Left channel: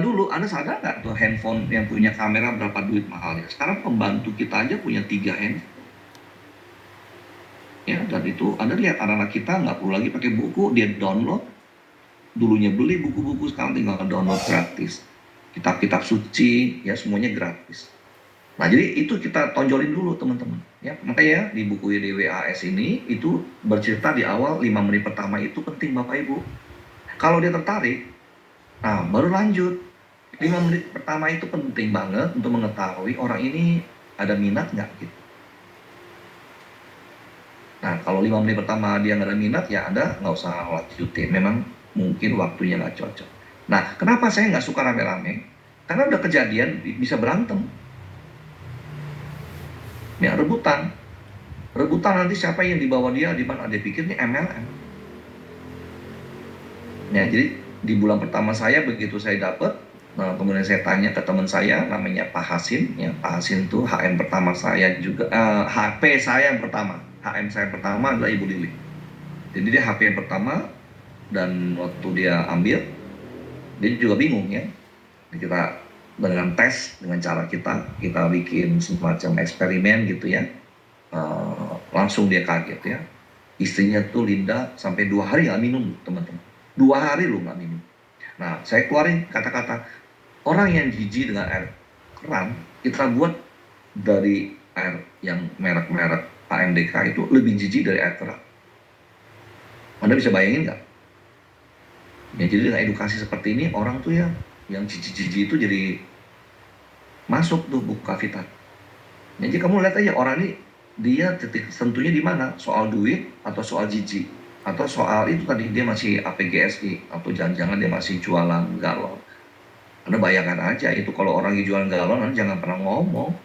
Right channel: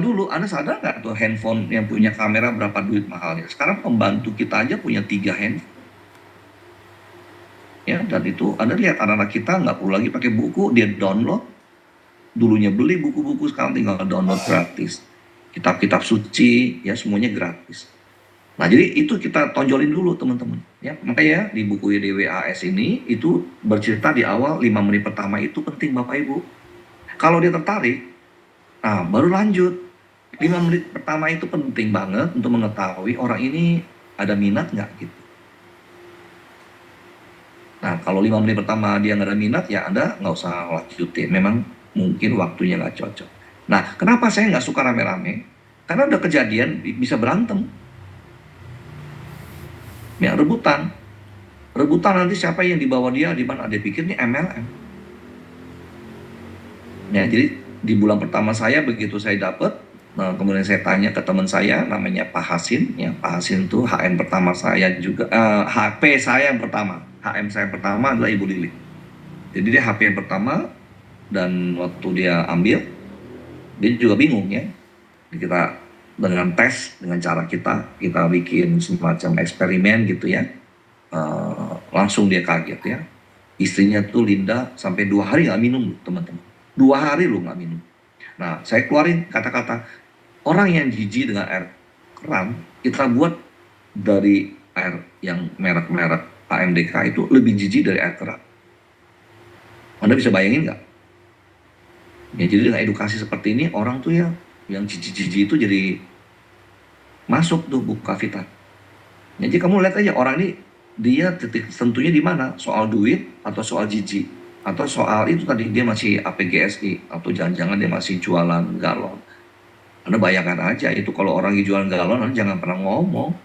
dulu, Anda sadar nggak tuh handphone yang punya kamera berapa duit mahalnya? Sekarang pembantu kita aja punya 3 handphone. Ya, dan itu Anda lihat anak-anak kita nggak perlu lagi pakai buku, dia download. Dulunya beli buku-buku, sekarang tinggal download gratis. Kitab-kitab suci, ya semuanya gratis. Nah, jadi itu kita tonjolin dulu teman-teman. Ya, makanya di buku YDWAS ini itu bercerita di awal 5 menit pertama itu penting Bapak Ibu. Kalau dia tertarik, nah baru lanjut. 5 menit pertama itu penting banget untuk mengetahui orang ini ada minat nggak gitu. Nah, kalau 5 menit pertama dia nggak ada minat, ya Anda nggak usah lanjutin. Memang mungkin waktunya nggak cocok. Nah, kenapa saya nggak suka rame-rame? Karena udah kejadian bisa berantem. Ya, rebutan. Rebutan nanti siapa yang dibawa dia, di mana dia pikir ini MLM. Ya, jadi di bulan pertama saya begitu saya dapat, nah kemudian saya tanya ke teman saya namanya Pak Hasin, ya Pak Hasin itu HM pertama saya juga, HP saya yang pertama, HM saya pertama adalah Ibu Lili. Jadi dia HP yang pertama dan waktu dia ambil, dia juga bingung ya. Kita dengan tes, dengan cara kita bikin semacam eksperimen gitu ya. Langsung dia kaget ya. Istrinya tuh Linda sampai 2 hari nggak minum teman-teman. 2 hari lu nggak minum. Nah, saya keluarin kata-kata orang yang jijik dengan air keran, kita buat dari air yang merek-merek AMDK itu lebih jijik dari air keran. Anda bisa bayangin nggak? Ya, jadi dengan edukasi seperti ini orang tuh ya yang jijik-jijik itu jadi masuk tuh buka Vita. Jadi kamu lihat aja orang ini dia titik sentuhnya di mana? Soal duit atau soal jijik atau soal itu tadi dia masih APGSI atau jangan-jangan dia masih jualan galon. Anda bayangkan aja itu kalau orang yang jualan galon Anda jangan pernah ngomong.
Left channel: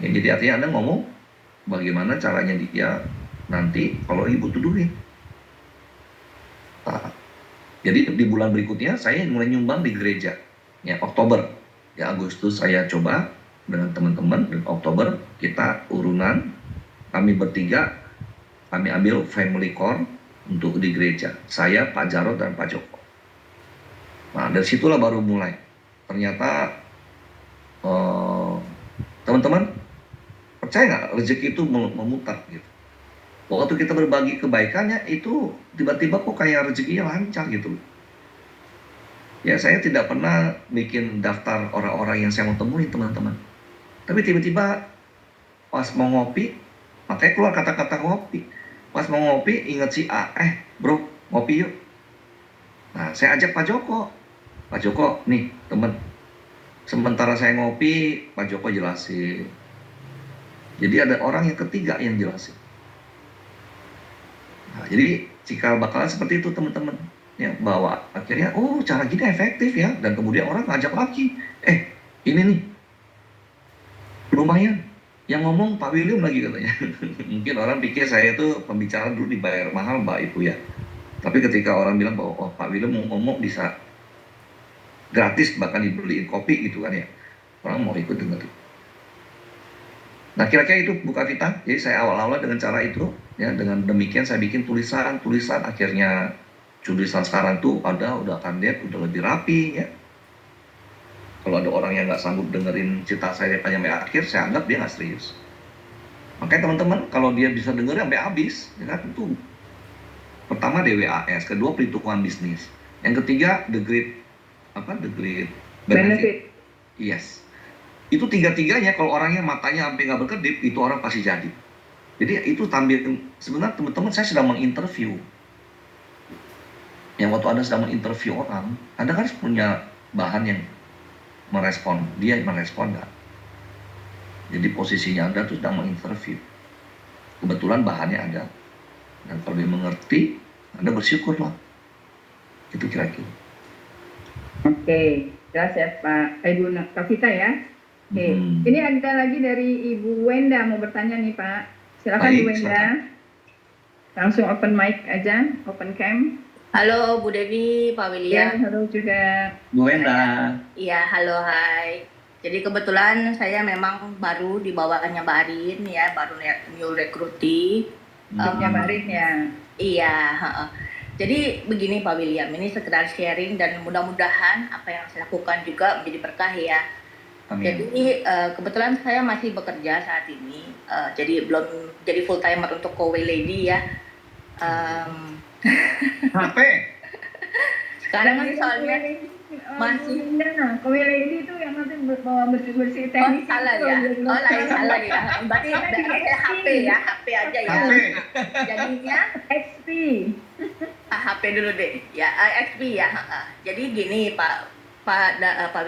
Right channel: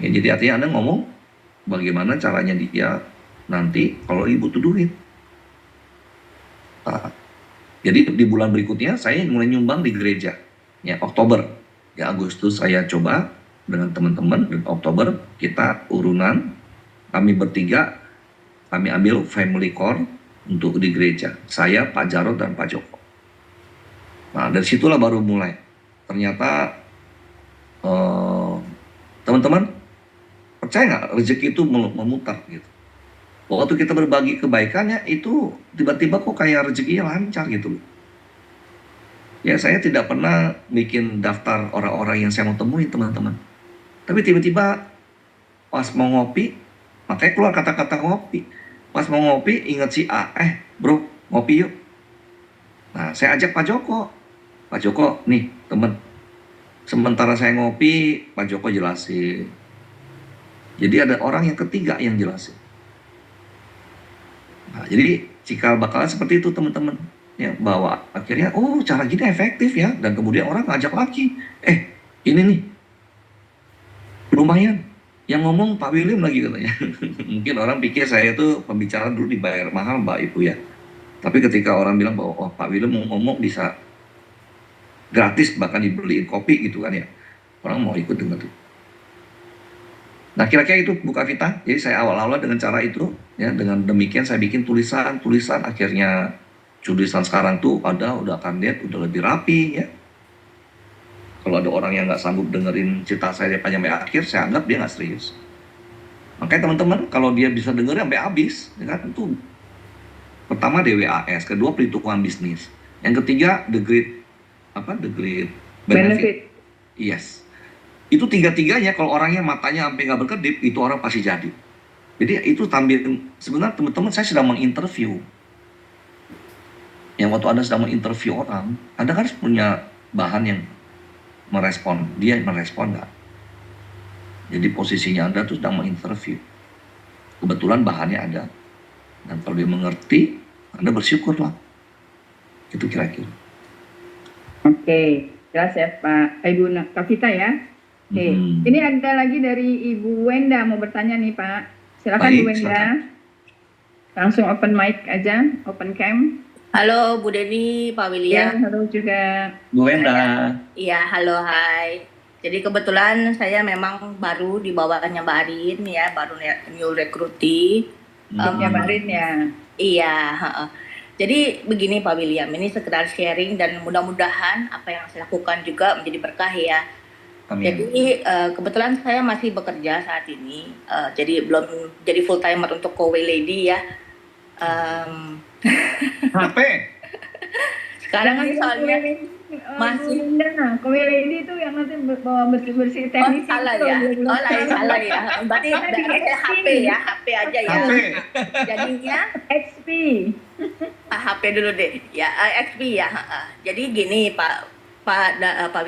Ya, jadi artinya Anda ngomong bagaimana caranya dia nanti kalau ibu butuh duit. Nah, jadi di bulan berikutnya saya mulai nyumbang di gereja. Ya, Oktober. Ya, Agustus saya coba dengan teman-teman dan Oktober kita urunan kami bertiga kami ambil family core untuk di gereja. Saya, Pak Jarod dan Pak Joko. Nah, dari situlah baru mulai. Ternyata teman-teman percaya nggak rezeki itu memutar gitu. Waktu kita berbagi kebaikannya itu tiba-tiba kok kayak rezekinya lancar gitu. Ya saya tidak pernah bikin daftar orang-orang yang saya mau temuin teman-teman. Tapi tiba-tiba pas mau ngopi, makanya keluar kata-kata ngopi. Pas mau ngopi ingat si A, bro ngopi yuk. Nah saya ajak Pak Joko. Pak Joko nih teman. Sementara saya ngopi, Pak Joko jelasin. Jadi ada orang yang ketiga yang jelasin. Nah, jadi cikal bakalan seperti itu teman-teman. Ya, bahwa akhirnya oh cara gini efektif ya dan kemudian orang ngajak lagi. Ini nih lumayan. Yang ngomong Pak William lagi katanya. Mungkin orang pikir saya itu pembicara dulu dibayar mahal Mbak Ibu ya. Tapi ketika orang bilang bahwa oh Pak William mau ngomong bisa gratis bahkan dibeliin kopi gitu kan ya. Orang mau ikut dengan itu. Nah kira-kira itu buka kita. Jadi saya awal-awal dengan cara itu ya dengan demikian saya bikin tulisan akhirnya tulisan sekarang tuh ada udah akan lihat udah lebih rapi ya. Kalau ada orang yang nggak sanggup dengerin cerita saya sampai akhir, saya anggap dia nggak serius. Makanya teman-teman kalau dia bisa dengerin sampai habis, ya kan itu pertama DWAS, kedua perhitungan bisnis, yang ketiga the great benefit. Yes. Itu tiga-tiganya kalau orangnya matanya sampai nggak berkedip, itu orang pasti jadi. Jadi itu tampil sebenarnya teman-teman saya sedang menginterview. Yang waktu Anda sedang menginterview orang, Anda kan punya bahan yang merespon, dia merespon nggak? Jadi posisinya Anda tuh sedang menginterview. Kebetulan bahannya ada. Dan kalau dia mengerti, Anda bersyukurlah. Itu kira-kira. Oke, jelas ya Pak Ibu Kavita ya. Oke, ini ada lagi dari Ibu Wenda mau bertanya nih Pak. Silakan Bu Wenda. Silakan. Langsung open mic aja, open cam. Halo Bu Dewi, Pak William. Ya, halo juga. Bu Wenda. Iya, halo, hai. Jadi kebetulan saya memang baru di bawahnya Mbak Arin ya, baru new recruiting. Mbak Arin ya. Iya. Jadi begini Pak William, ini sekedar sharing dan mudah-mudahan apa yang saya lakukan juga menjadi berkah ya. Amin. Jadi kebetulan saya masih bekerja saat ini, jadi belum jadi full timer untuk Kowe Lady ya. HP. Sekarang ini soalnya masih Kowe Lady itu yang nanti bawa bersih-bersih teknis salah ya. Lain salah ya. Berarti HP ya, HP aja ya. HP. Jadinya XP. HP dulu deh. Ya, XP ya. Jadi gini Pak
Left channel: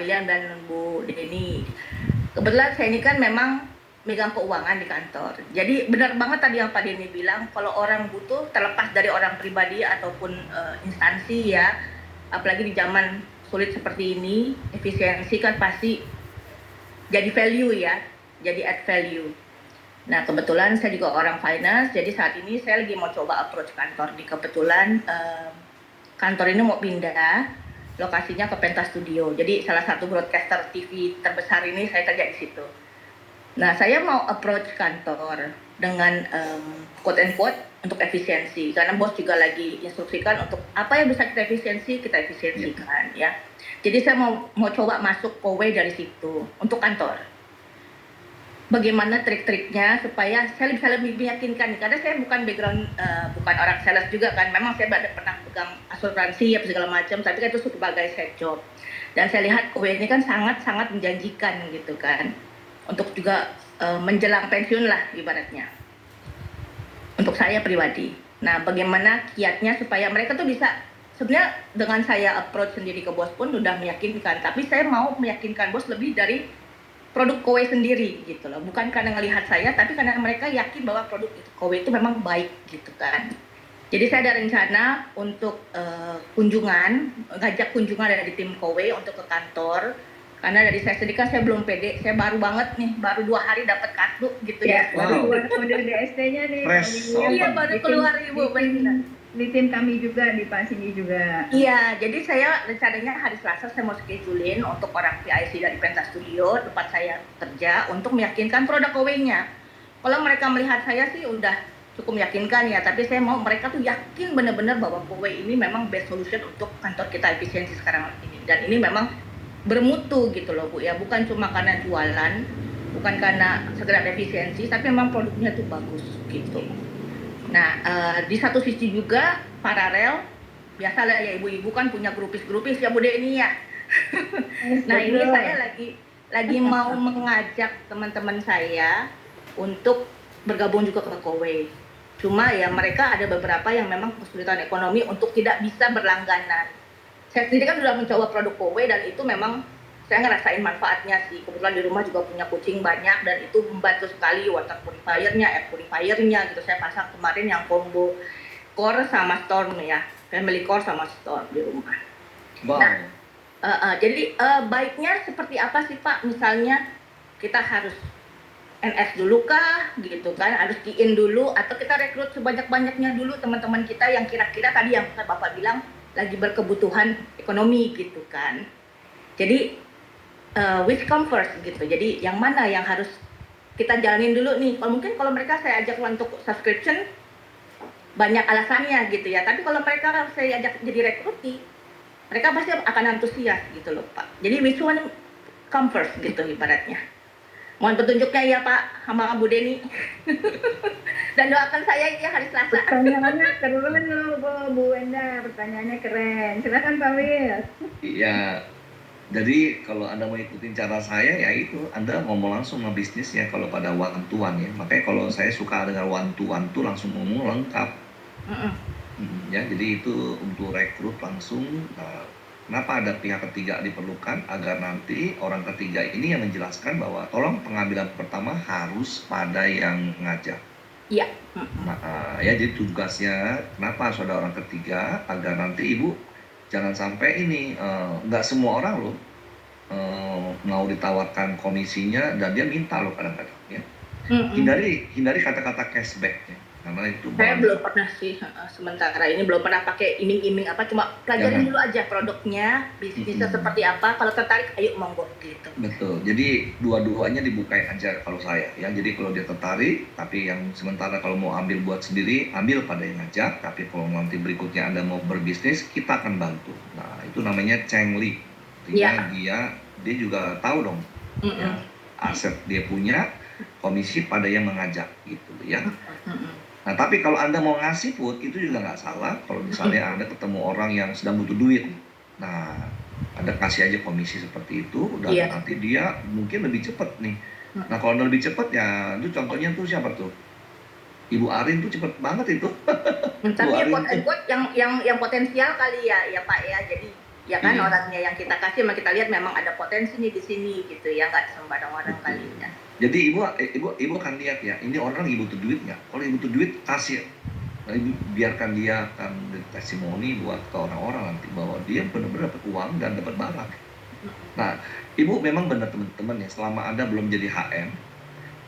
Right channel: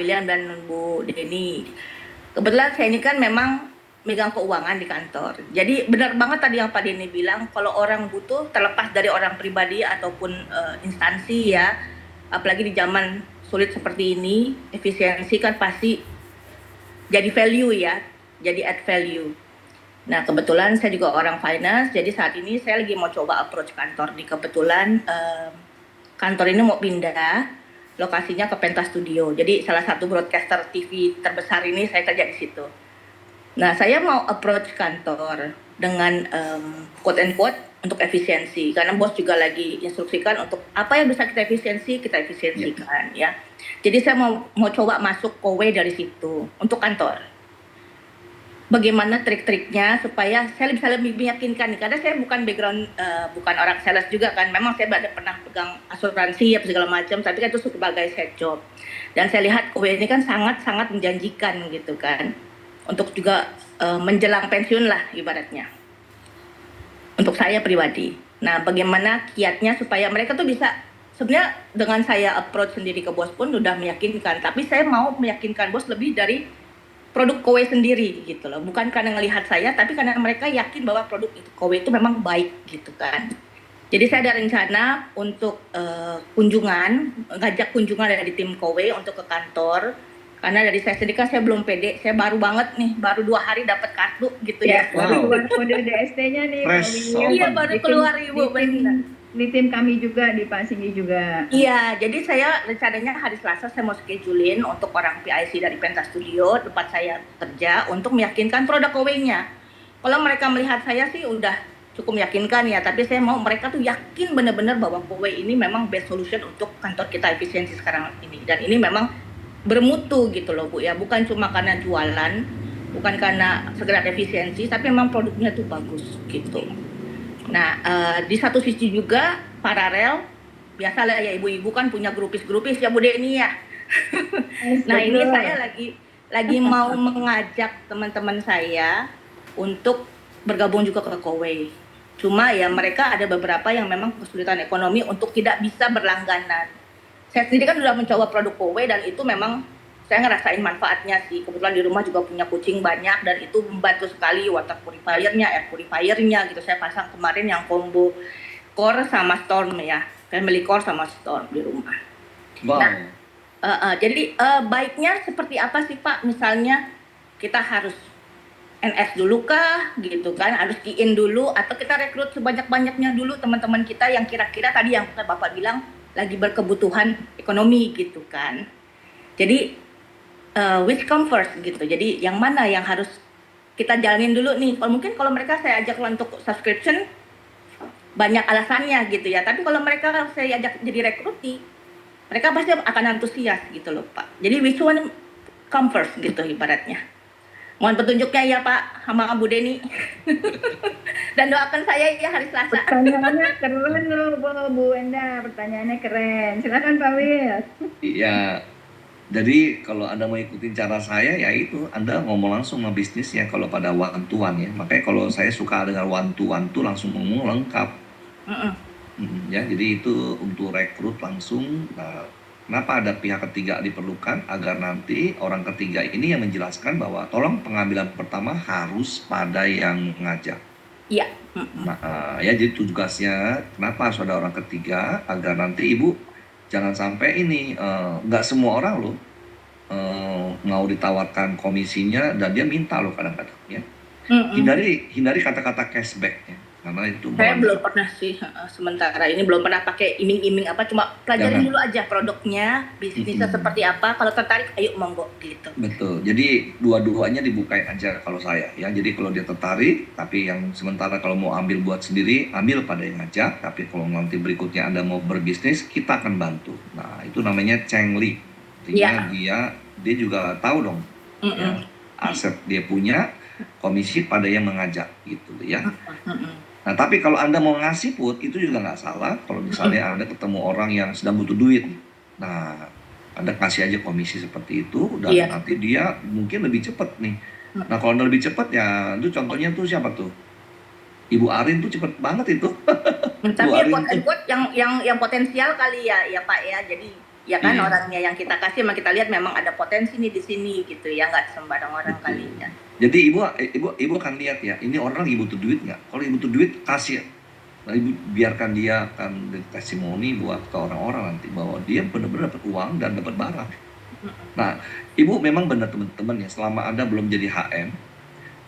William dan Bu Deni. Kebetulan saya ini kan memang megang keuangan di kantor. Jadi benar banget tadi yang Pak Deni bilang, kalau orang butuh terlepas dari orang pribadi ataupun instansi ya, apalagi di zaman sulit seperti ini, efisiensi kan pasti jadi value ya, jadi add value. Nah kebetulan saya juga orang finance, jadi saat ini saya lagi mau coba approach kantor. Di kebetulan kantor ini mau pindah lokasinya ke Pentas Studio. Jadi salah satu broadcaster TV terbesar ini saya kerja di situ. Nah saya mau approach kantor dengan quote and quote untuk efisiensi, karena bos juga lagi instruksikan untuk apa yang bisa kita efisiensikan ya. Jadi saya mau coba masuk Kowe dari situ untuk kantor. Bagaimana trik-triknya supaya saya bisa lebih meyakinkan, karena saya bukan background bukan orang sales juga kan, memang saya pernah pegang asuransi ya segala macam, tapi kan itu sebagai side job. Dan saya lihat Kowe ini kan sangat-sangat menjanjikan gitu kan, untuk juga menjelang pensiun lah ibaratnya, untuk saya pribadi. Nah bagaimana kiatnya supaya mereka tuh bisa, sebenarnya dengan saya approach sendiri ke bos pun udah meyakinkan, tapi saya mau meyakinkan bos lebih dari produk Kowe sendiri gitu loh, bukan karena ngelihat saya, tapi karena mereka yakin bahwa produk itu Kowe itu memang baik gitu kan. Jadi saya ada rencana untuk ngajak kunjungan dari tim Kowe untuk ke kantor, karena dari saya sendiri kan saya belum pede, saya baru banget nih, baru 2 hari dapat kartu gitu ya. Baru keluar kode DST-nya nih. Iya baru keluar Ibu, benar. Di tim kami juga, di Pak Singgi juga. Iya, jadi saya rencananya hari Selasa saya mau schedulein untuk orang PIC dari Pentas Studio tempat saya kerja untuk meyakinkan produk Kowe-nya. Kalau mereka melihat saya sih udah cukup meyakinkan ya, tapi saya mau mereka tuh yakin benar-benar bahwa Kowe ini memang best solution untuk kantor kita efisiensi sekarang ini. Dan ini memang bermutu gitu loh Bu ya, bukan cuma karena jualan, bukan karena sekedar efisiensi, tapi memang produknya tuh bagus gitu. Nah, di satu sisi juga paralel, biasalah ya ibu-ibu kan punya grupis-grupis ya Bu Deni ya. Nah ini saya lagi mau mengajak teman-teman saya untuk bergabung juga ke Kowe. Cuma ya mereka ada beberapa yang memang kesulitan ekonomi untuk tidak bisa berlangganan. Saya sendiri kan sudah mencoba produk Kowe dan itu memang saya ngerasain manfaatnya sih. Kebetulan di rumah juga punya kucing banyak dan itu membantu sekali, water purifiernya, air purifiernya gitu. Saya pasang kemarin yang combo core sama storm ya, family core sama storm di rumah. Wow. Nah, jadi baiknya seperti apa sih Pak? Misalnya kita harus NS dulu kah gitu kan, harus key in dulu, atau kita rekrut sebanyak-banyaknya dulu teman-teman kita yang kira-kira tadi yang Bapak bilang lagi berkebutuhan ekonomi gitu kan. Jadi which come first gitu. Jadi yang mana yang harus kita jalanin dulu nih. Kalau mungkin kalau mereka saya ajak untuk subscription banyak alasannya gitu ya. Tapi kalau mereka saya ajak jadi rekruti, mereka pasti akan antusias gitu loh Pak. Jadi which one come first gitu ibaratnya. Mohon petunjuknya ya Pak sama Bu Deni. Dan doakan saya ya hari Selasa. Pertanyaannya keren loh Bu Wenda, pertanyaannya keren. Silakan Pak Wil. Iya. Jadi kalau Anda mau ikutin cara saya ya itu Anda ngomong langsung sama bisnis ya kalau pada one to one ya. Makanya kalau saya suka dengan one to one tuh langsung ngomong lengkap. Ya, jadi itu untuk rekrut langsung. Nah, kenapa ada pihak ketiga diperlukan agar nanti orang ketiga ini yang menjelaskan bahwa tolong pengambilan pertama harus pada yang ngajak. Iya. Nah, ya jadi tugasnya kenapa harus ada orang ketiga agar nanti Ibu jangan sampai ini nggak semua orang loh mau ditawarkan komisinya dan dia minta loh kadang-kadang ya. Hindari kata-kata cashback ya. karena itu Saya melanggar. belum pernah sih, sementara ini belum pernah pakai iming-iming apa, cuma pelajarin Jangan. dulu aja produknya, bisnisnya Mm-mm. seperti apa, kalau tertarik ayo monggo gitu. Betul. Jadi dua-duanya dibukain aja kalau saya ya. Jadi kalau dia tertarik, tapi yang sementara kalau mau ambil buat sendiri, ambil pada yang ngajak. Tapi kalau nanti berikutnya Anda mau berbisnis, kita akan bantu. Nah, itu namanya Cheng Li. Artinya Iya, dia juga tahu dong ya mhm, aset dia punya, komisi pada yang mengajak gitu ya. mhm, Nah, tapi kalau Anda mau ngasih put, itu juga nggak salah. Kalau mhm, misalnya Anda ketemu orang yang sedang butuh duit. Nah, Anda kasih aja komisi seperti itu, dan iya, nanti dia mungkin lebih cepat nih. Nah, mhm. kalau Anda lebih cepat ya, itu contohnya tuh siapa tuh? Ibu Arin tuh cepet banget itu. Ibu Tapi Arin quote and tuh. quote yang potensial kali ya, ya Pak ya. Jadi ya kan Iya, orangnya yang kita kasih memang kita lihat memang ada potensi nih di sini gitu ya, nggak sembarang orang kali betul. ya. Jadi ibu akan lihat ya, ini orang lagi butuh duit nggak? Kalau ibu butuh duit, kasih. Nah, ibu biarkan dia akan jadi testimoni buat ke orang-orang nanti bahwa dia benar-benar dapat uang dan dapat barang. Mhm, Nah, Ibu memang benar teman-teman ya, selama Anda belum jadi HM,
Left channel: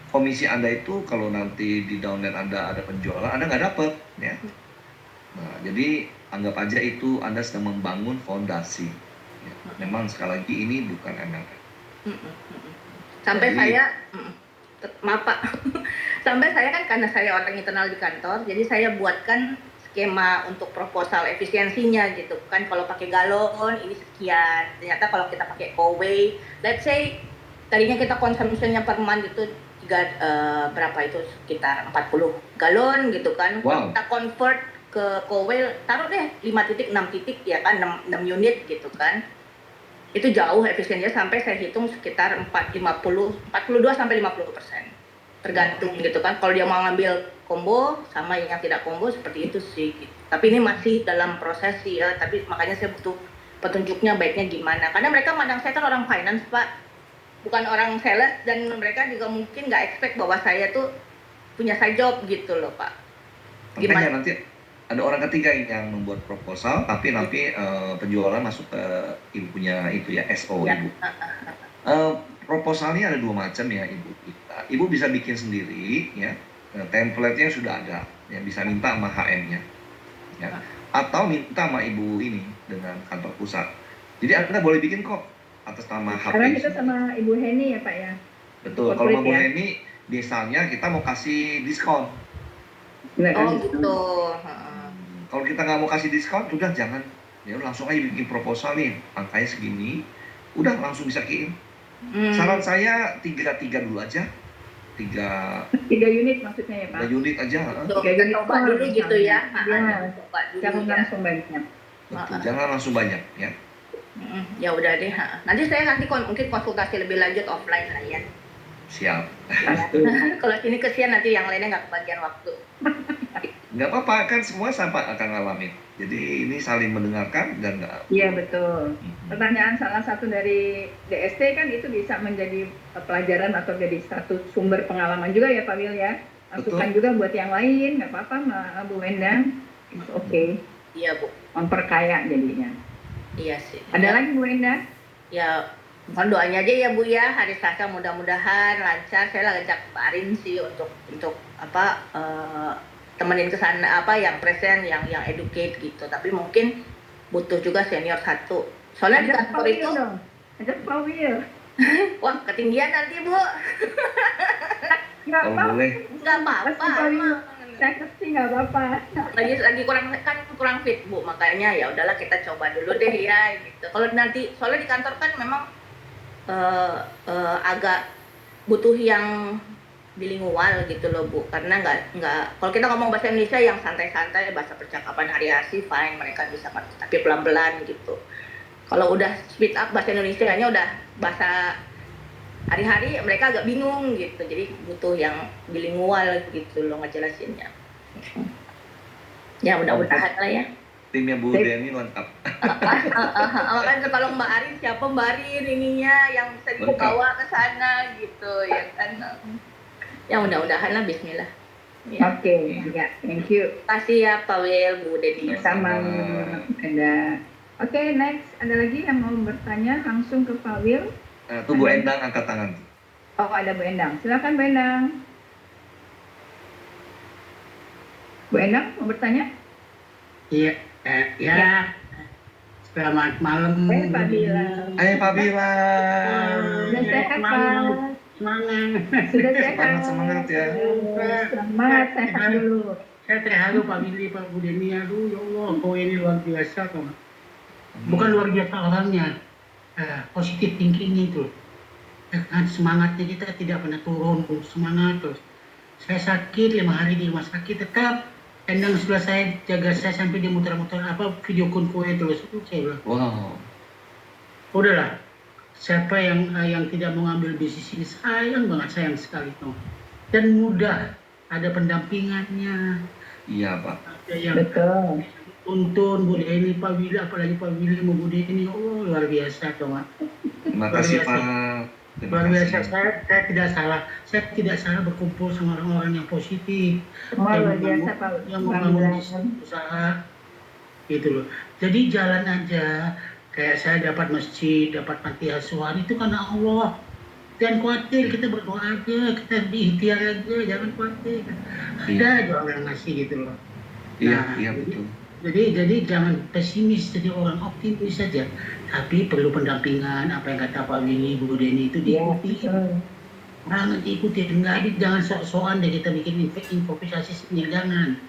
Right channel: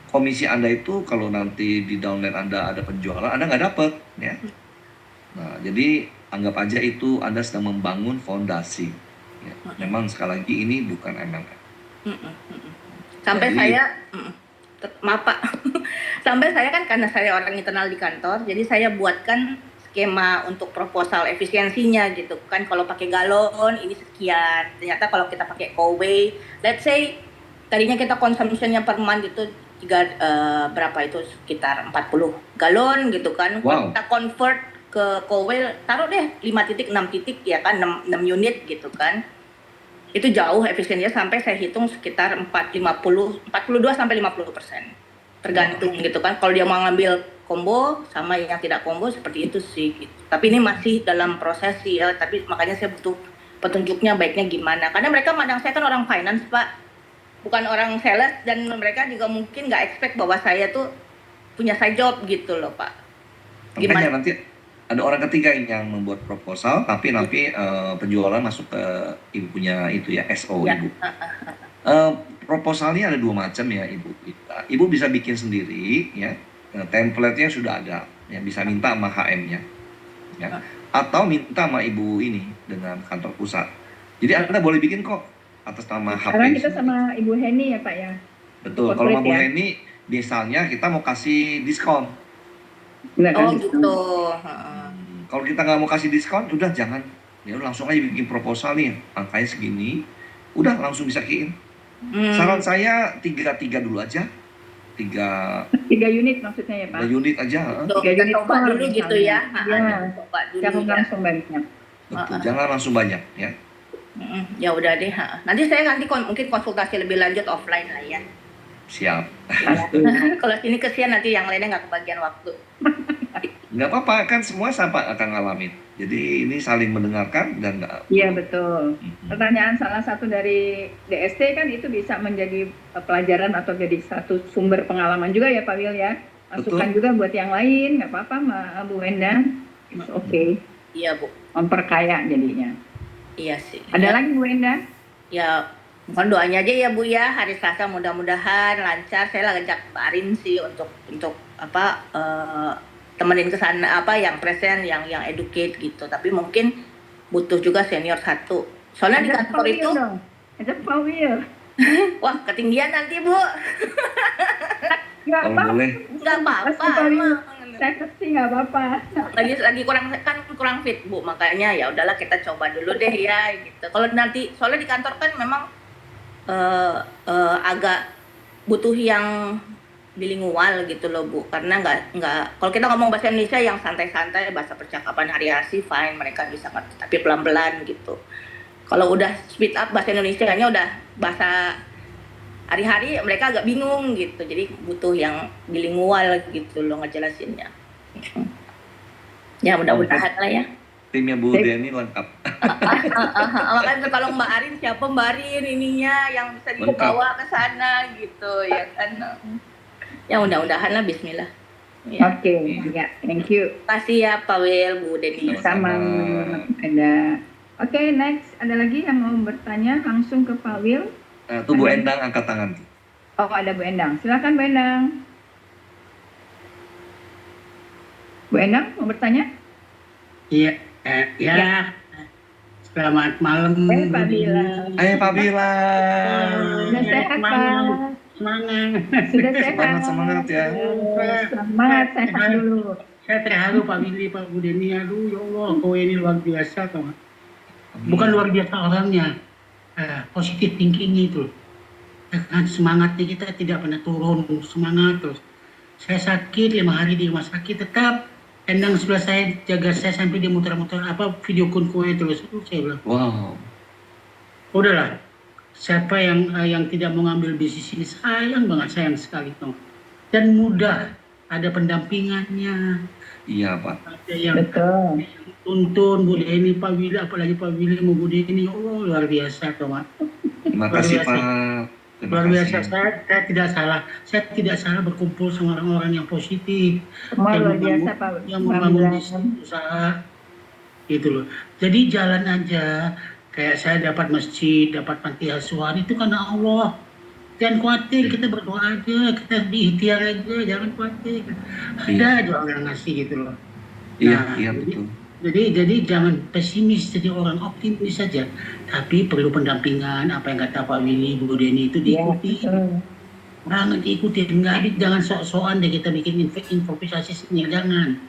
komisi Anda itu kalau nanti di downline Anda ada penjualan, Anda nggak dapat, ya. Nah, jadi anggap aja itu Anda sedang membangun fondasi. Ya, mhm, memang sekali lagi ini bukan MLM. mhm, mhm. Sampai Jadi, saya maaf Pak, sampai saya kan karena saya orang internal di kantor, jadi saya buatkan skema untuk proposal efisiensinya gitu kan. Kalau pakai galon ini sekian, ternyata kalau kita pakai Coway, let's say tadinya kita consumption-nya per month itu berapa itu sekitar 40 galon gitu kan. Kalau wow, kita convert ke Coway, taruh deh 5 titik, 6 titik ya kan, 6 unit gitu kan. Itu jauh efisiennya sampai saya hitung sekitar 42 sampai 50%. wow. Tergantung gitu kan. Kalau dia mau ngambil combo sama yang tidak combo seperti itu sih. Gitu. Tapi ini masih dalam proses sih ya. Tapi makanya saya butuh petunjuknya baiknya gimana. Karena mereka mandang saya kan orang finance Pak, bukan orang sales, dan mereka juga mungkin nggak expect bahwa saya tuh punya side job gitu loh Pak. Makanya Gimana? nanti ada orang ketiga yang membuat proposal, tapi nanti penjualan masuk ke ibunya itu ya, SO Ya. Ibu. Eh, Proposalnya ada dua macam ya Ibu. Ibu bisa bikin sendiri ya, template-nya sudah ada, yang bisa minta sama HM-nya, ya. Atau minta sama Ibu ini dengan kantor pusat. Jadi Anda boleh bikin kok atas nama HP Sekarang kita sendiri. sama Ibu Heni ya Pak ya, untuk Betul. Kalau corporate sama Bu ya. Heni, misalnya kita mau kasih diskon. Nggak Oh kasih gitu. diskon. Kalau kita nggak mau kasih diskon, udah jangan. Ya udah langsung aja bikin proposal nih, angkanya segini, udah langsung bisa kirim. Saran Hmm. saya tiga tiga dulu aja, tiga 3 unit maksudnya ya tiga Pak. unit aja. Tuh, 3 unit kita coba store dulu gitu misalnya. ya. Ya, Kita coba dulu jangan ya. langsung banyak. Betul, jangan langsung banyak ya. Ya udah deh. Nanti saya nanti mungkin konsultasi lebih lanjut offline lah ya. Siap. Ya. Pasti. Kalau sini kesian nanti yang lainnya nggak kebagian waktu. Nggak apa-apa, kan semua sama akan ngalamin. Jadi ini saling mendengarkan dan Iya betul. Mhm. Pertanyaan salah satu dari DST kan itu bisa menjadi pelajaran atau jadi satu sumber pengalaman juga ya Pak Wil ya. Masukan Betul. juga buat yang lain, nggak apa-apa Mbak Bu Endang. It's okay. Iya Bu. Memperkaya jadinya. Iya sih. Ada Ya, lagi Bu Endang? ya mohon doanya aja ya Bu ya, hari Selasa mudah-mudahan lancar. Saya lah ngajak Mbak Arin sih untuk apa temenin ke sana apa yang present, yang educate gitu. Tapi mungkin butuh juga senior satu. Soalnya di Ada Pak kantor Wil itu, dong. Ada Pak Wil. wah ketinggian nanti Bu. Nggak Kalau apa-apa. boleh, Nggak apa-apa Kasih Pak Wil. emang. Saya kasih nggak apa-apa. Lagi kurang fit Bu, makanya ya udahlah kita coba dulu deh ya gitu. Kalau nanti soalnya di kantor kan memang agak butuh yang bilingual gitu loh Bu, karena nggak kalau kita ngomong bahasa Indonesia yang santai-santai, bahasa percakapan hari-hari fine, mereka bisa ngerti, tapi pelan-pelan gitu. Kalau udah speed up bahasa Indonesianya udah bahasa hari-hari, mereka agak bingung gitu, jadi butuh yang bilingual gitu loh ngejelasinnya. Ya mungkin mudah-mudahan lah ya. timnya Bu Sip. Deni lengkap. Makanya kalau Mbak Arin siapa Mbak Arin ininya yang bisa Lengkap. dibawa ke sana gitu ya kan. Ya mudah-mudahan lah bismillah. Ya. Oke, ya, thank you. Kasih ya Pak Wil, Bu Deni. Sama Sama-sama. ada. Oke, next ada lagi yang mau bertanya langsung ke Pak Wil. Tuh Bu Endang angkat tangan tuh. Oh, ada Bu Endang. Silakan Bu Endang. Bu Endang mau bertanya? Iya, Ya. ya. Selamat malam, Pak Bu Bila. Deni. Pak Bila. Sudah sehat, Semangat, Pak? semangat. Sudah sehat. Semangat ya. Selamat sehat dulu. Saya terharu Pak Willy, Pak Bu Deni. Aduh, ya Allah, kau ini luar biasa, Kak. Bukan luar biasa orangnya, positif thinking itu. Ya kan, semangatnya kita tidak pernah turun, semangat terus. Saya sakit 5 hari di rumah sakit tetap. Endang sebelah saya jaga saya sampai dia muter-muter video kue terus. Saya bilang, Wow. udahlah. Siapa yang tidak mau ngambil bisnis ini sayang banget, sayang sekali tuh. Dan mudah, ada pendampingannya. Iya Pak. Ada yang Betul. tuntun Bu Deni, Pak Willy, apalagi Pak Willy mau Bu Deni, oh luar biasa tuh, Mak. Terima Luar kasih biasa. Pak. Terima Luar biasa, kasih. saya tidak salah berkumpul sama orang-orang yang positif, Semua yang luar biasa, Pak. yang membangun bisnis usaha, gitu loh. Jadi jalan aja, kayak saya dapat masjid, dapat panti asuhan, itu karena Allah. Jangan khawatir, kita berdoa aja, kita berikhtiar aja, jangan khawatir. Ada aja orang ngasih gitu loh. Iya, Nah, iya betul. Jadi jangan pesimis, jadi orang optimis saja. Tapi perlu pendampingan, apa yang kata Pak Willy, Bu Deni itu diikuti. Jangan diikuti, jangan sok-sokan deh kita bikin improvisasi sendiri, jangan.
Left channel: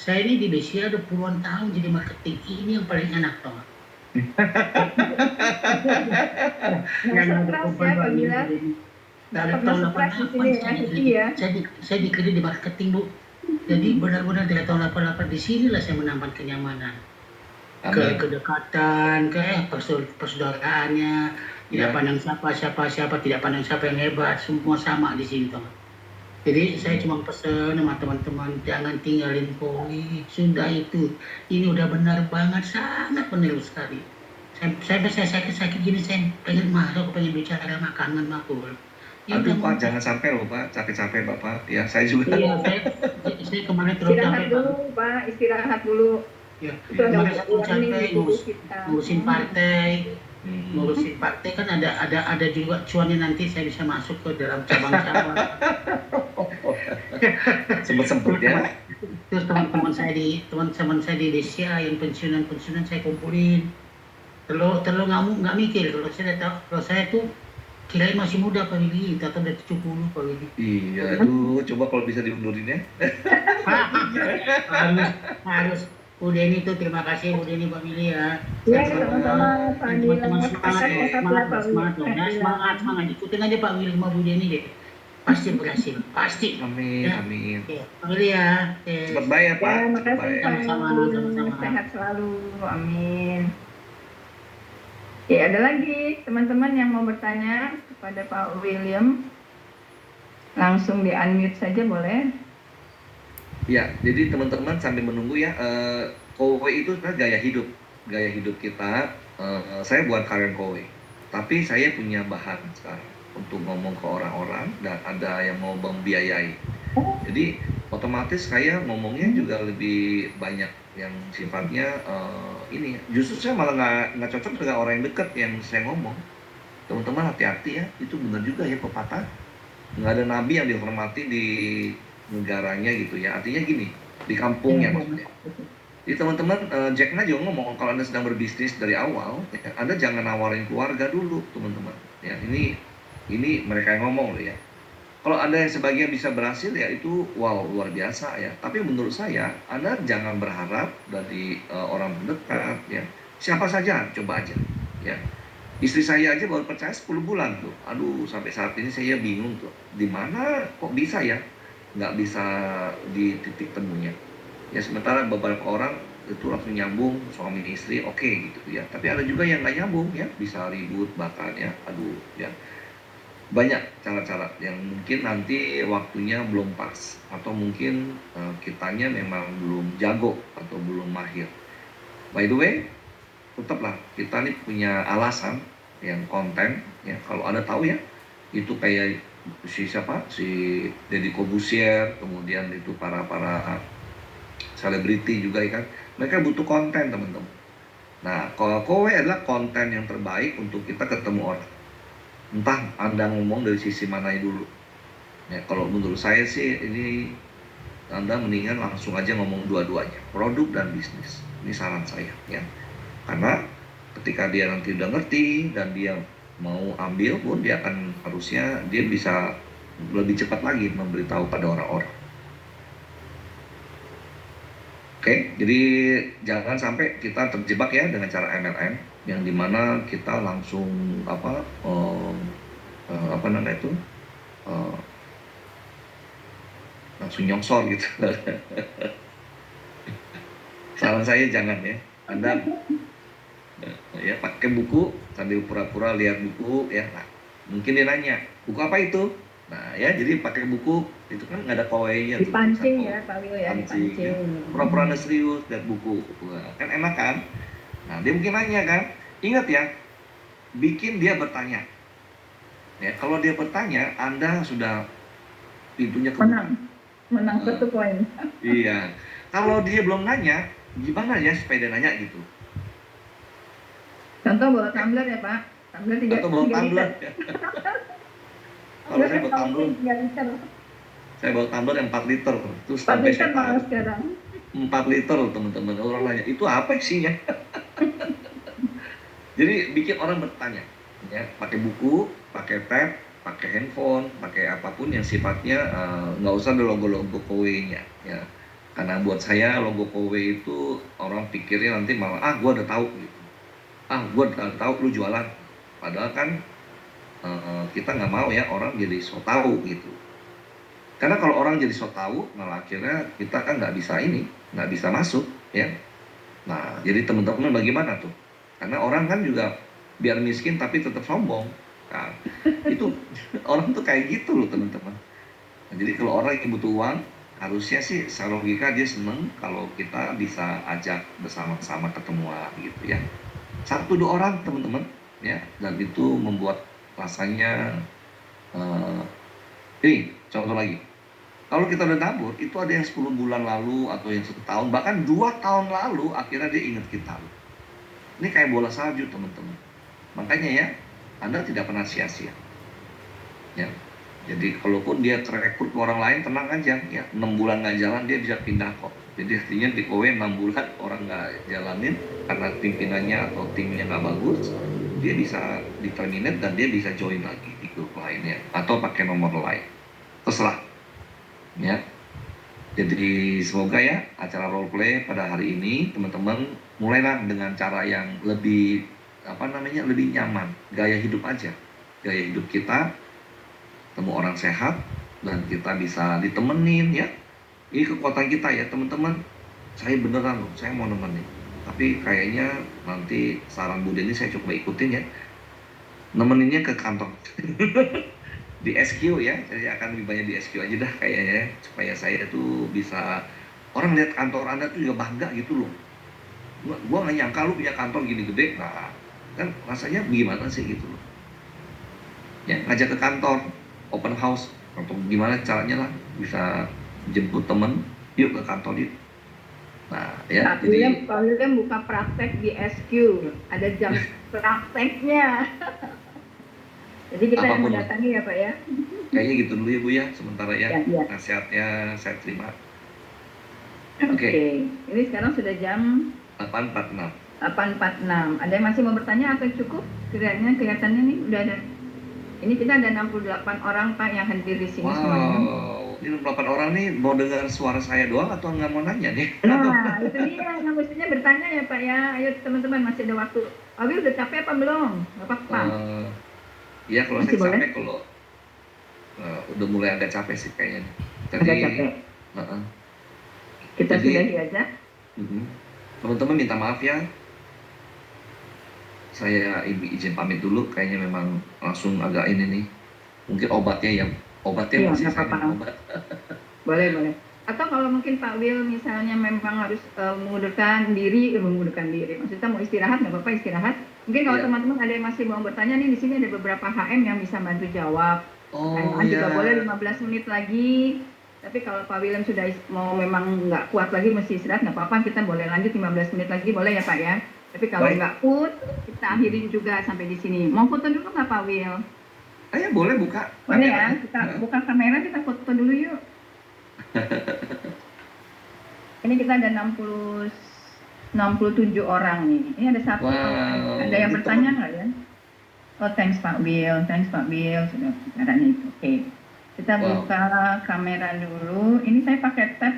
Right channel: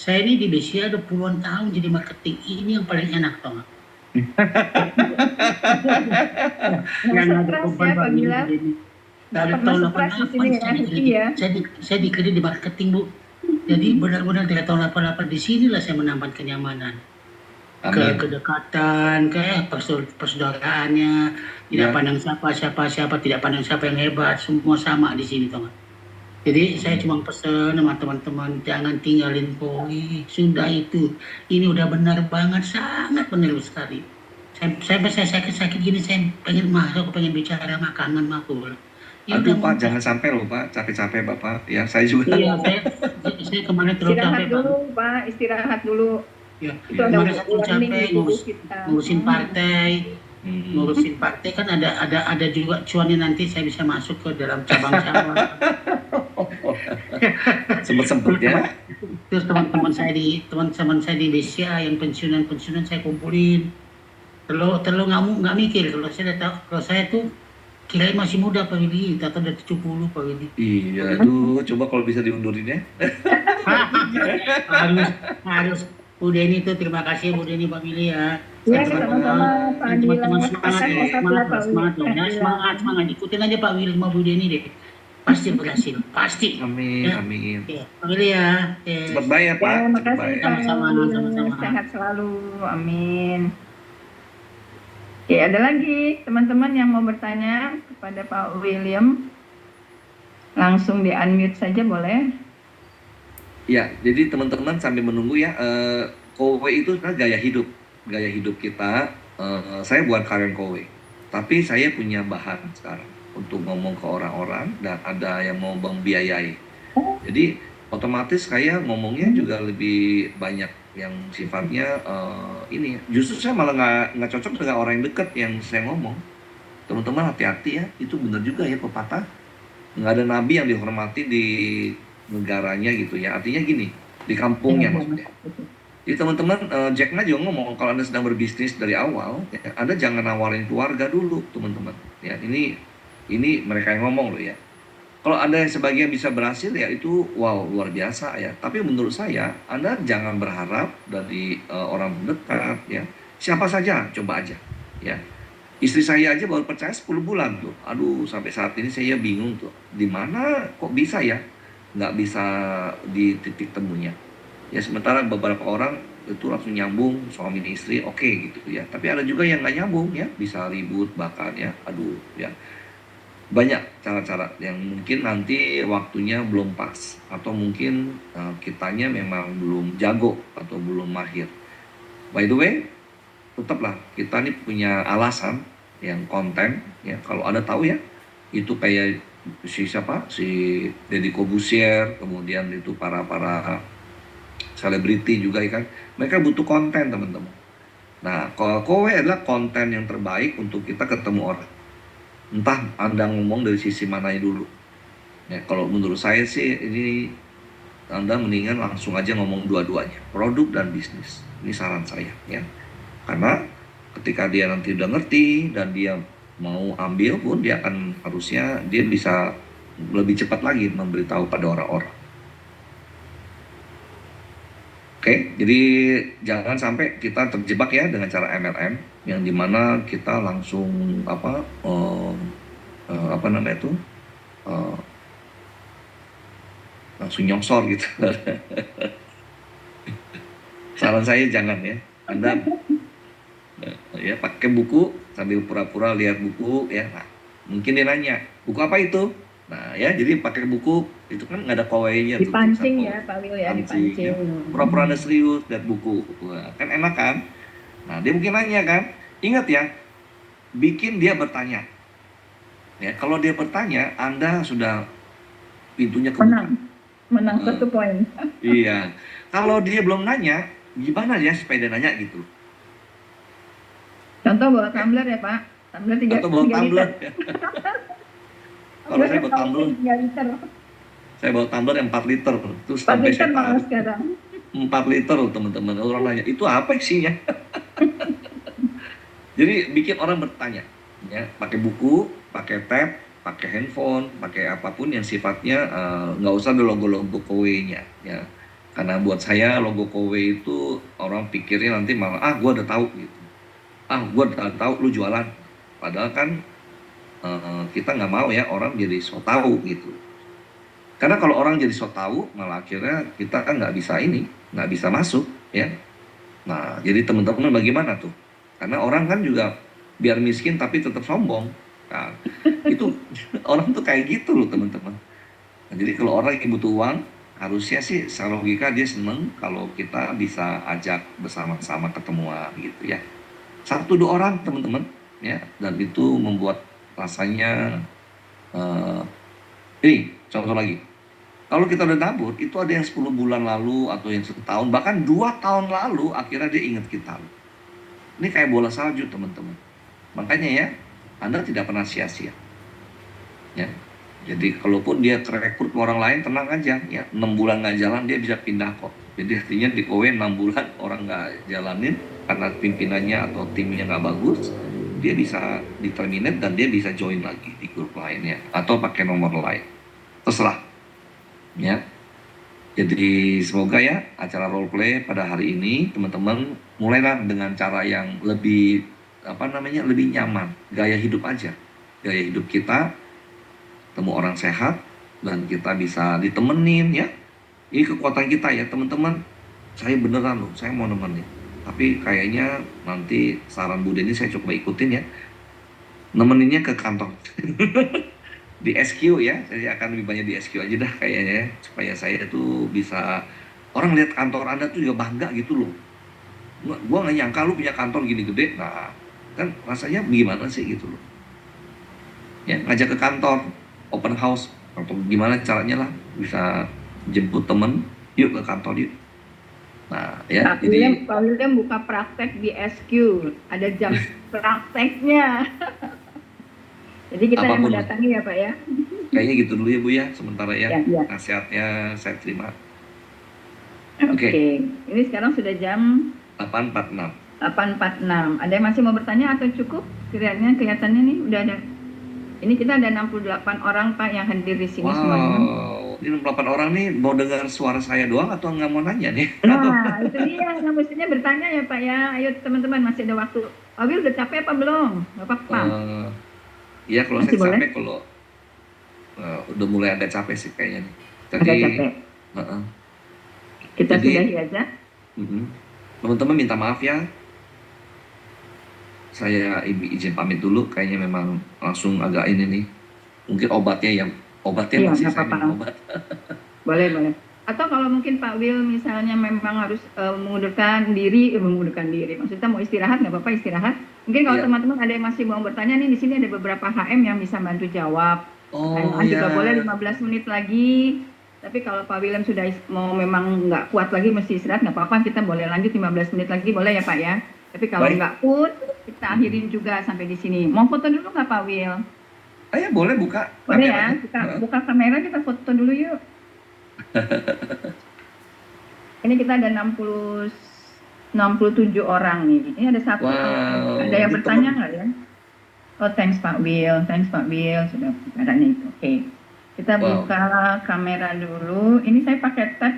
Saya ini di BCA ada puluhan tahun jadi marketing, ini yang paling enak banget. Yang ada beban Pak Willy. Dari tahun 88 saya dikerja di marketing, Bu. Jadi benar-benar dari tahun 88 di sinilah saya menambah kenyamanan. Kedekatan, persaudaraannya, tidak pandang siapa, tidak pandang siapa yang hebat, semua sama di sini, teman. Jadi saya cuma pesan sama teman-teman, jangan tinggalin koi, sudah itu. Ini udah benar banget, sangat benar sekali. Saya sakit gini, saya pengen masuk, pengen bicara makanan aku. Aduh Pak, jangan sampai loh Pak, capek-capek Bapak. Ya saya juga. Iya, saya kemarin terlalu capek Pak. Istirahat dulu. Ya, kemarin saya capek ngurusin partai. Ngurusin partai kan ada juga cuannya, nanti saya bisa masuk ke dalam cabang-cabang. Sempet ya. Terus teman-teman saya di BCA yang pensiunan saya kumpulin. Terlalu nggak mikir, kalau saya tuh kirain masih muda Pak Willy, ternyata udah 70 Pak Willy. Iya, aduh, coba kalau bisa diundurin ya. harus Bu Deni itu, terima kasih Bu Deni, Pak Willy ya. Iya, sama-sama Pak Willy. Semangat, ikutin aja Pak Willy sama Bu Deni deh. Pasti berhasil, pasti. Amin, amin. Pak Willy ya. Cepat bayar Pak. Terima kasih Pak. Sama-sama. Sehat selalu, amin. Oke, ada lagi teman-teman yang mau bertanya kepada Pak William? Langsung di-unmute saja boleh. Ya, jadi teman-teman sambil menunggu ya, kowe itu kan gaya hidup kita. Saya bukan karyawan kowe, tapi saya punya bahan sekarang untuk ngomong ke orang-orang dan ada yang mau membiayai. Jadi otomatis saya ngomongnya juga lebih banyak yang sifatnya ini. Justru saya malah nggak cocok dengan orang yang dekat yang saya ngomong. Teman-teman hati-hati ya, itu benar juga ya pepatah. Nggak ada nabi yang dihormati di negaranya gitu ya, artinya gini, di kampungnya maksudnya. Jadi teman-teman, Jack Ma juga ngomong kalau Anda sedang berbisnis dari awal, ya, Anda jangan nawarin keluarga dulu teman-teman. Ya ini mereka yang ngomong loh ya. Kalau ada yang sebagian bisa berhasil ya itu wow luar biasa ya. Tapi menurut saya Anda jangan berharap dari orang terdekat ya. Siapa saja coba aja ya. Istri saya aja baru percaya 10 bulan tuh. Aduh sampai saat ini saya bingung tuh. Di mana kok bisa ya? Nggak bisa di titik temunya. Ya sementara beberapa orang itu langsung nyambung suami istri oke gitu ya. Tapi ada juga yang nggak nyambung ya. Bisa ribut bahkan ya. Aduh ya. Banyak cara-cara yang mungkin nanti waktunya belum pas atau mungkin kitanya memang belum jago atau belum mahir. By the way, tetaplah kita ini punya alasan yang konten ya. Kalau Anda tahu ya, itu kayak si Deddy Corbuzier, kemudian itu para selebriti juga ya kan. Mereka butuh konten teman-teman. Nah, kalau kowe adalah konten yang terbaik untuk kita ketemu orang. Entah Anda ngomong dari sisi mananya dulu. Ya, kalau menurut saya sih ini Anda mendingan langsung aja ngomong dua-duanya, produk dan bisnis. Ini saran saya ya. Karena ketika dia nanti udah ngerti dan dia mau ambil pun dia akan harusnya dia bisa lebih cepat lagi memberitahu pada orang-orang. Oke, jadi jangan sampai kita terjebak ya dengan cara MLM yang dimana kita langsung apa namanya itu eh, langsung nyongsor gitu. Saran saya jangan ya. Anda ya pakai buku sambil pura-pura lihat buku ya. Nah, mungkin dia nanya, buku apa itu? Nah ya, jadi pakai buku itu kan nggak ada pawainya tuh, tulisan Dipancing ya pawai. Pak Wil ya, Pancing ya. dipancing. Pura-pura anda serius lihat buku. Wah, kan enak kan? Nah dia mungkin nanya kan, ingat ya, bikin dia bertanya. Ya, kalau dia bertanya, Anda sudah pintunya kebuka. Menang Heeh. 1 poin. Iya. Kalau dia belum nanya, gimana ya supaya dia nanya gitu? Contoh bawa tumbler ya Pak, tumbler Atau 3 bawa 3 liter. tumbler. Kalau saya bawa tumbler, 3 liter. saya bawa tumbler yang 4 liter. Terus 4 sampai liter saya malah taruh sekarang. 4 liter loh teman-teman. Orang nanya, itu apa isinya? Jadi bikin orang bertanya. Ya, pakai buku, pakai tab, pakai handphone, pakai apapun yang sifatnya nggak usah ada logo-logo kowe-nya. Ya. Karena buat saya logo kowe itu orang pikirnya nanti malah, gua udah tahu gitu. Gua udah tahu lu jualan. Padahal kan kita nggak mau ya orang jadi so tahu gitu. Karena kalau orang jadi so tahu, malah akhirnya kita kan nggak bisa masuk ya. Nah, jadi teman-teman bagaimana tuh? Karena orang kan juga biar miskin tapi tetap sombong. Nah, itu orang tuh kayak gitu loh teman-teman. Nah, jadi kalau orang yang butuh uang, harusnya sih secara logika dia seneng kalau kita bisa ajak bersama-sama ketemuan gitu ya. 1 2 orang teman-teman ya, dan itu membuat rasanya eh, ini contoh lagi. Kalau kita udah nabur, itu ada yang 10 bulan lalu atau yang 1 tahun, bahkan 2 tahun lalu akhirnya dia ingat kita. Ini kayak bola salju teman-teman. Makanya ya, Anda tidak pernah sia-sia. Ya. Jadi kalaupun dia rekrut ke orang lain, tenang aja. Ya, 6 bulan nggak jalan dia bisa pindah kok. Jadi artinya di OW 6 bulan orang nggak jalanin karena pimpinannya atau timnya nggak bagus, dia bisa di-terminate dan dia bisa join lagi di grup lainnya atau pakai nomor lain. Terserah. Ya. Jadi semoga ya acara role play pada hari ini teman-teman mulailah dengan cara yang lebih lebih nyaman, gaya hidup aja. Gaya hidup kita temu orang sehat dan kita bisa ditemenin ya. Ini kekuatan kita ya teman-teman. Saya beneran loh, saya mau nemenin. Tapi kayaknya nanti saran Bu Deni saya coba ikutin ya. Nemeninnya ke kantor. Di SQ ya, saya akan lebih banyak di SQ aja dah kayaknya ya, supaya saya tuh bisa orang lihat kantor Anda tuh juga bangga gitu loh. Gua nggak nyangka lu punya kantor gini gede. Nah, kan rasanya gimana sih gitu loh. Ya, ngajak ke kantor, open house atau gimana caranya lah bisa jemput temen, yuk ke kantor yuk. Nah, ya, jadi Pak William buka praktek di SQ, ada jam prakteknya. Jadi kita yang apapun mendatangi ya Pak ya. kayaknya gitu dulu ya Bu ya, sementara ya Ya, ya. nasihatnya saya terima. Oke. Ini sekarang sudah jam 8.46. 8.46. Ada yang masih mau bertanya atau cukup? Kelihatannya nih udah ada. Ini kita ada 68 orang Pak yang hadir di sini semuanya. Wow, ini 68 orang nih mau dengar suara saya doang atau nggak mau nanya nih? Nah, itu dia. Nah, mestinya bertanya ya Pak ya. Ayo teman-teman masih ada waktu. Abi udah capek apa belum? Nggak apa-apa. Ya kalau Masih saya boleh? capek, kalau udah mulai agak capek sih kayaknya. Agak capek. uh-uh. Kita Jadi, sudahi aja. teman-teman minta maaf ya. Saya izin pamit dulu. Kayaknya memang langsung agak ini nih. Mungkin obatnya Iya, masih nggak saya apa-apa. minum obat. Boleh, boleh. Atau kalau mungkin Pak Will misalnya memang harus mengundurkan diri. Maksudnya mau istirahat, nggak apa-apa istirahat. Mungkin kalau Iya. teman-teman ada yang masih mau bertanya nih, di sini ada beberapa HM yang bisa bantu jawab. Oh juga ya. boleh 15 menit lagi. Tapi kalau Pak William sudah mau memang nggak kuat lagi, mesti istirahat, nggak apa-apa. Kita boleh lanjut 15 menit lagi, boleh ya Pak ya. Tapi kalau Baik. nggak pun, kita akhirin juga sampai di sini. Mau foto dulu nggak Pak Will? Ya boleh buka Boleh ya, kameranya. kita buka kamera, kita foto dulu yuk. Ini kita ada 67 orang nih. Ini ada satu. Wow, Ada yang ini bertanya teman- nggak ya? Oh, thanks Pak Bill. Sudah caranya itu. Oke. Kita Wow. buka kamera dulu. Ini saya pakai tab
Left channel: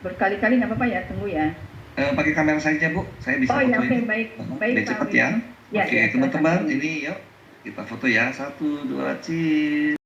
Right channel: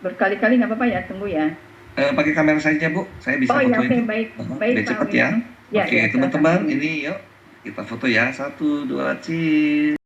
berkali-kali, nggak apa-apa ya? Tunggu ya. Pakai kamera saja Bu, saya bisa Oh ya, foto oke, itu. baik. Aha, Baik, biar Pak cepat Will. ya. Ya, Oke, ya, teman-teman, silakan. ini yuk kita foto ya. 1, 2, cheers.